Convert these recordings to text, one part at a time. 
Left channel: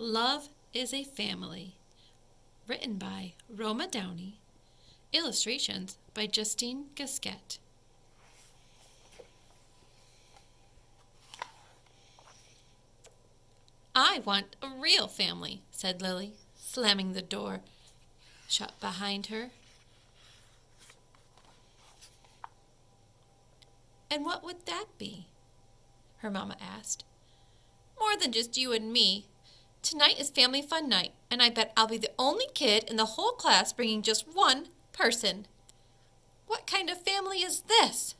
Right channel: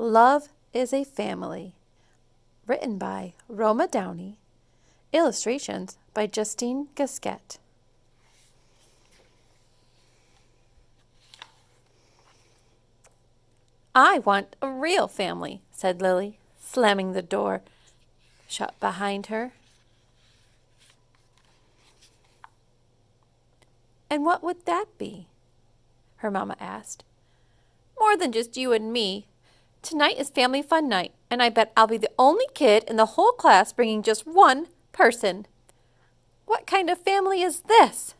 Love is a Family, written by Roma Downey, illustrations by Justine Gasquet. I want a real family, said Lily, slamming the door shut behind her. And what would that be? Her mama asked. More than just you and me. Tonight is family fun night, and I bet I'll be the only kid in the whole class bringing just one person. What kind of family is this?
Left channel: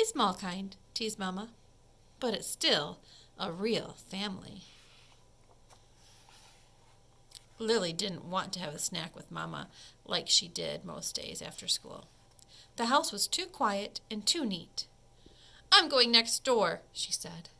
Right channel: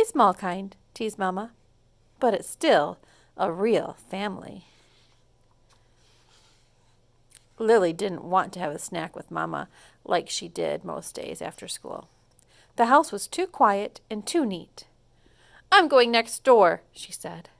A small kind, teased Mama, but it's still a real family. Lily didn't want to have a snack with Mama like she did most days after school. The house was too quiet and too neat. I'm going next door, she said.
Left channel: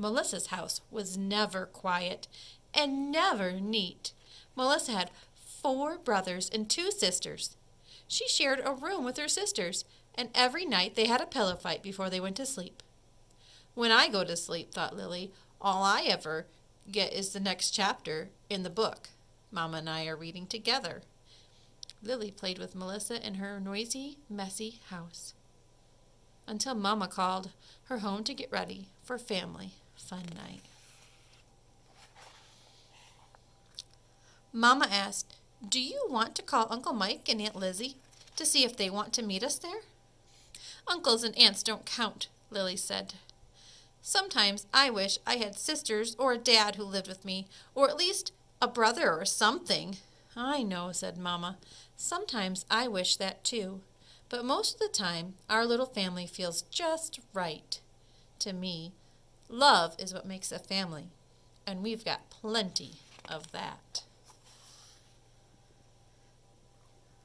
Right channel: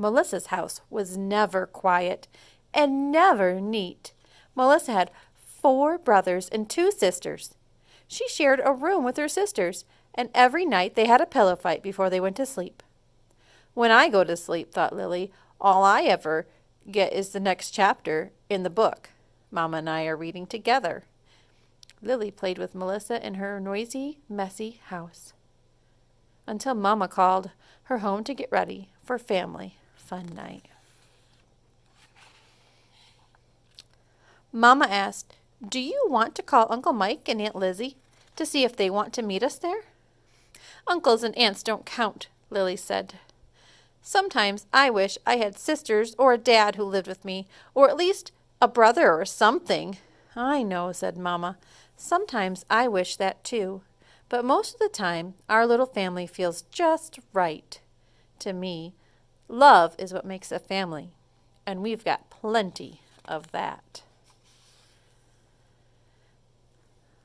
Melissa's house was never quiet and never neat. Melissa had 4 brothers and 2 sisters. She shared a room with her sisters, and every night they had a pillow fight before they went to sleep. When I go to sleep, thought Lily, all I ever get is the next chapter in the book Mama and I are reading together. Lily played with Melissa in her noisy, messy house until Mama called her home to get ready for family fun night. Mama asked, do you want to call Uncle Mike and Aunt Lizzie to see if they want to meet us there? Uncles and aunts don't count, Lily said. Sometimes I wish I had sisters or a dad who lived with me, or at least a brother or something. I know, said Mama. Sometimes I wish that too, but most of the time our little family feels just right. To me, love is what makes a family, and we've got plenty of that.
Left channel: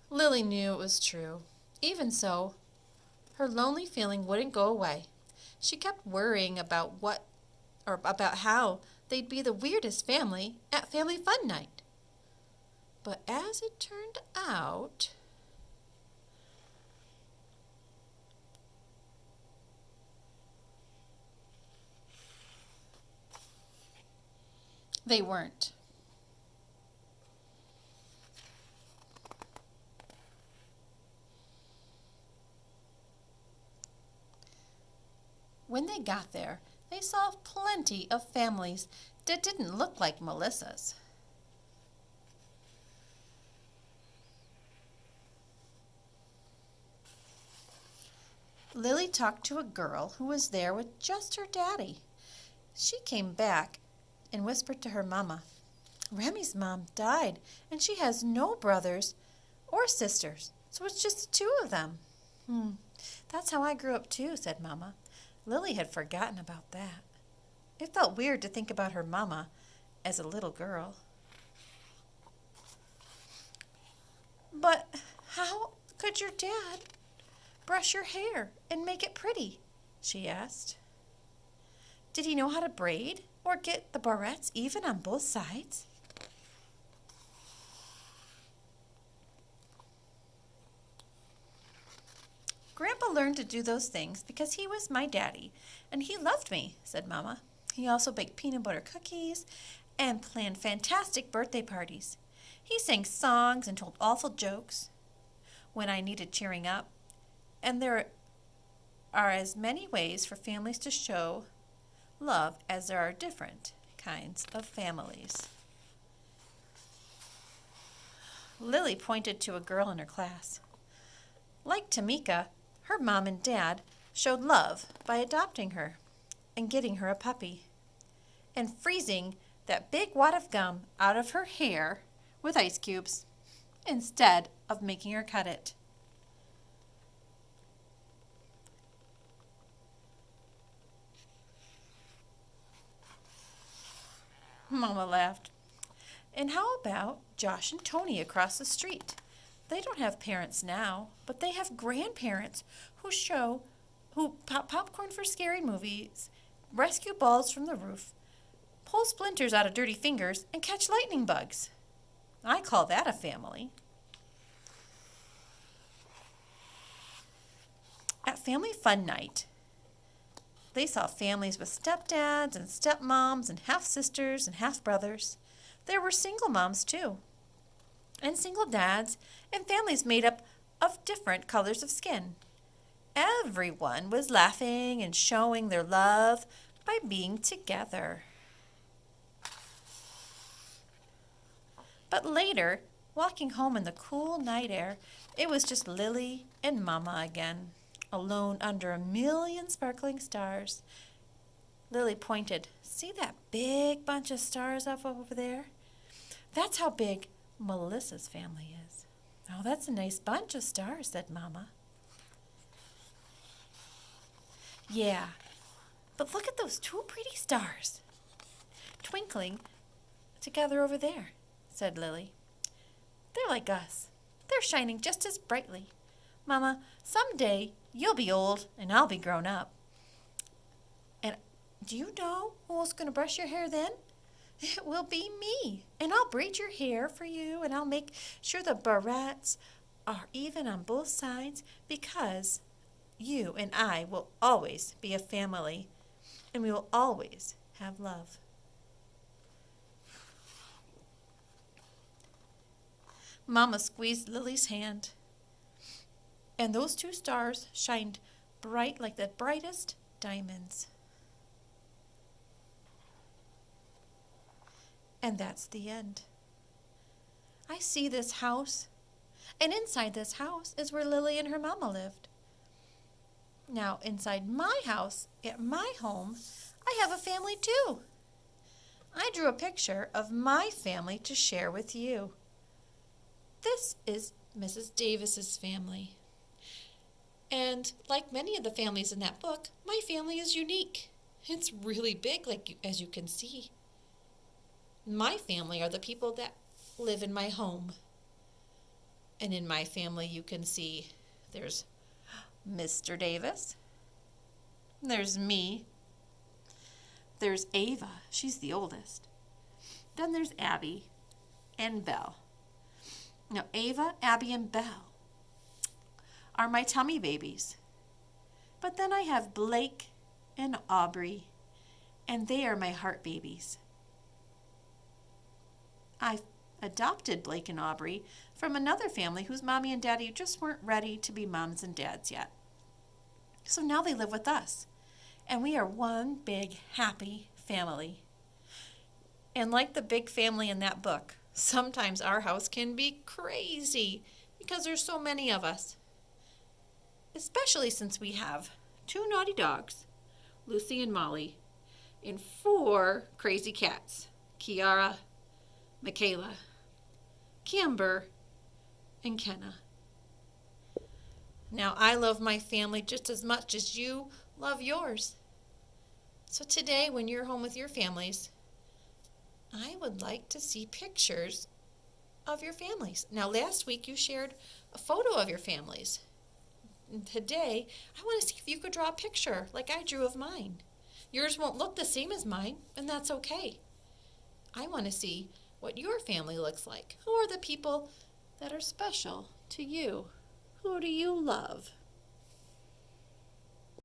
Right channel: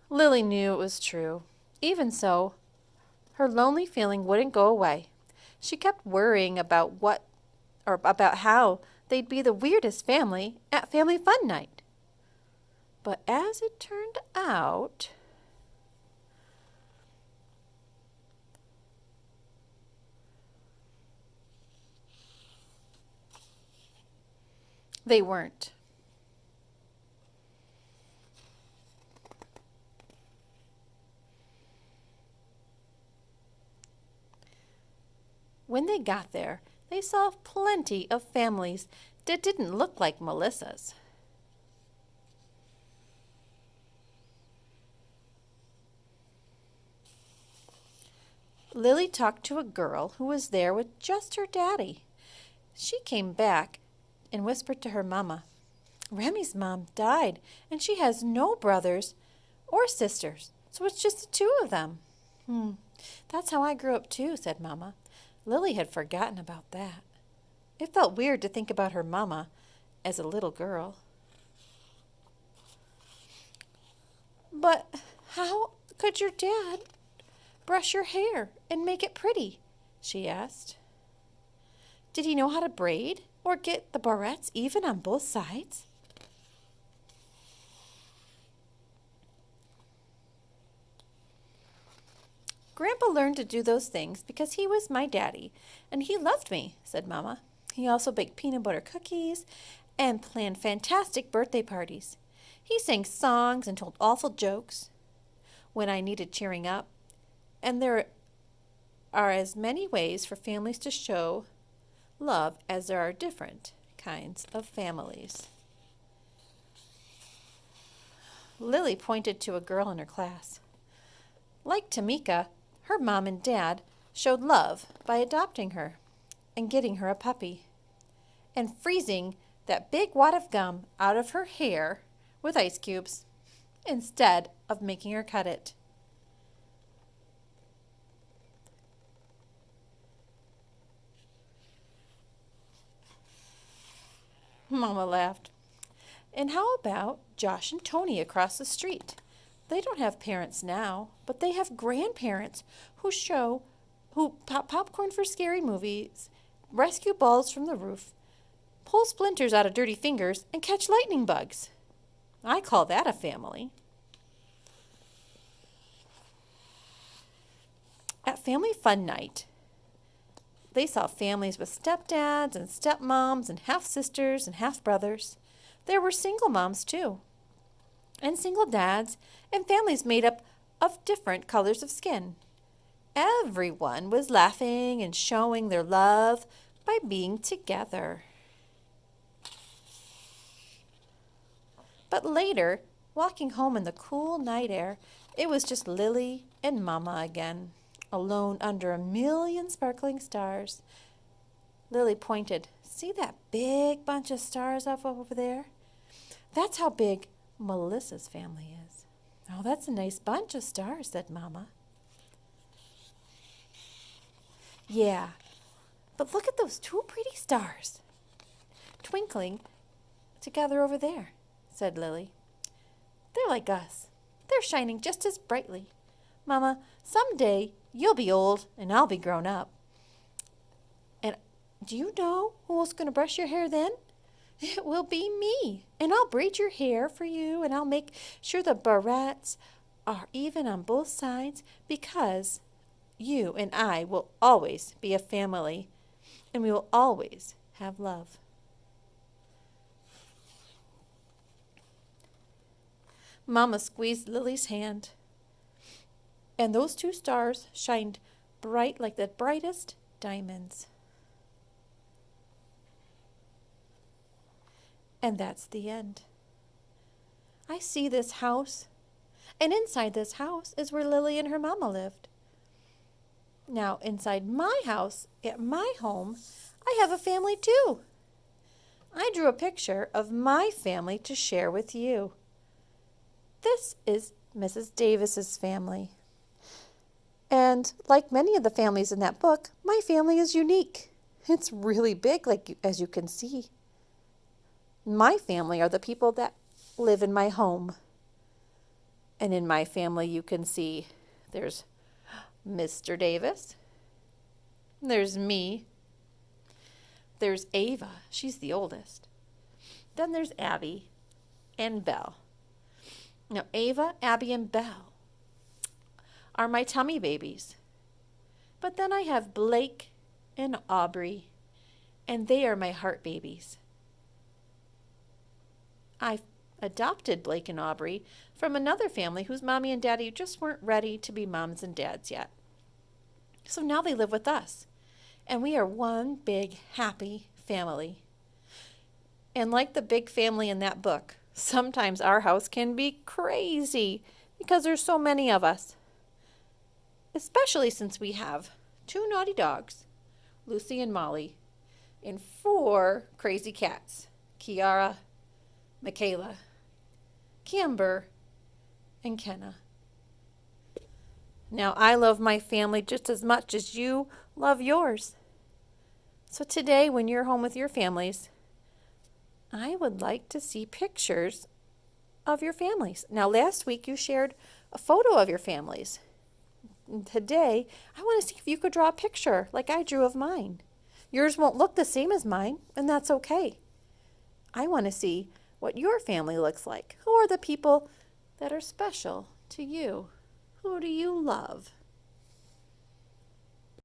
Lily knew it was true. Even so, her lonely feeling wouldn't go away. She kept worrying about how they'd be the weirdest family at Family Fun Night. But as it turned out, they weren't. When they got there, they saw plenty of families that didn't look like Melissa's. Lily talked to a girl who was there with just her daddy. She came back and whispered to her mama, Remy's mom died, and she has no brothers or sisters, so it's just the 2 of them. That's how I grew up too, said Mama. Lily had forgotten about that. It felt weird to think about her mama as a little girl. But how could your dad brush your hair and make it pretty? She asked. Did he know how to braid or get the barrettes even on both sides? Grandpa learned to do those things because he was my daddy, and he loved me, said Mama. He also baked peanut butter cookies and planned fantastic birthday parties. He sang songs and told awful jokes when I needed cheering up. And there are as many ways for families to show love as there are different kinds of families. Lily pointed to a girl in her class. Like Tamika, her mom and dad showed love by adopting her and getting her a puppy and freezing that big wad of gum out of her hair with ice cubes instead of making her cut it. Mama laughed. And how about Josh and Tony across the street? They don't have parents now, but they have grandparents who pop popcorn for scary movies, rescue balls from the roof, pull splinters out of dirty fingers, and catch lightning bugs. I call that a family. At Family Fun Night, they saw families with stepdads and stepmoms and half-sisters and half-brothers. There were single moms, too, and single dads, and families made up of different colors of skin. Everyone was laughing and showing their love by being together. But later, walking home in the cool night air, it was just Lily and Mama again, alone under a million sparkling stars. Lily pointed. See that big bunch of stars up over there? That's how big Melissa's family is. Oh, that's a nice bunch of stars, said Mama. Yeah, but look at those two pretty stars twinkling together over there, said Lily. They're like us. They're shining just as brightly. Mama, someday you'll be old and I'll be grown up. And do you know who's going to brush your hair then? It will be me. And I'll braid your hair for you, and I'll make sure the barrettes are even on both sides, because you and I will always be a family, and we will always have love. Mama squeezed Lily's hand, and those two stars shined bright like the brightest diamonds. And that's the end. I see this house, and inside this house is where Lily and her mama lived. Now, inside my house, at my home, I have a family too. I drew a picture of my family to share with you. This is Mrs. Davis's family. And like many of the families in that book, my family is unique. It's really big, as you can see. My family are the people that live in my home. And in my family, you can see there's Mr. Davis. There's me. There's Ava. She's the oldest. Then there's Abby and Belle. Now, Ava, Abby, and Belle are my tummy babies. But then I have Blake and Aubrey, and they are my heart babies. I adopted Blake and Aubrey from another family whose mommy and daddy just weren't ready to be moms and dads yet. So now they live with us, and we are one big, happy family. And like the big family in that book, sometimes our house can be crazy because there's so many of us. Especially since we have 2 naughty dogs, Lucy and Molly, and 4 crazy cats, Kiara, Michaela, Camber, and Kenna. Now, I love my family just as much as you love yours. So today, when you're home with your families, I would like to see pictures of your families. Now, last week you shared a photo of your families. And today, I want to see if you could draw a picture like I drew of mine. Yours won't look the same as mine, and that's okay. I want to see what your family looks like. Who are the people that are special to you? Who do you love?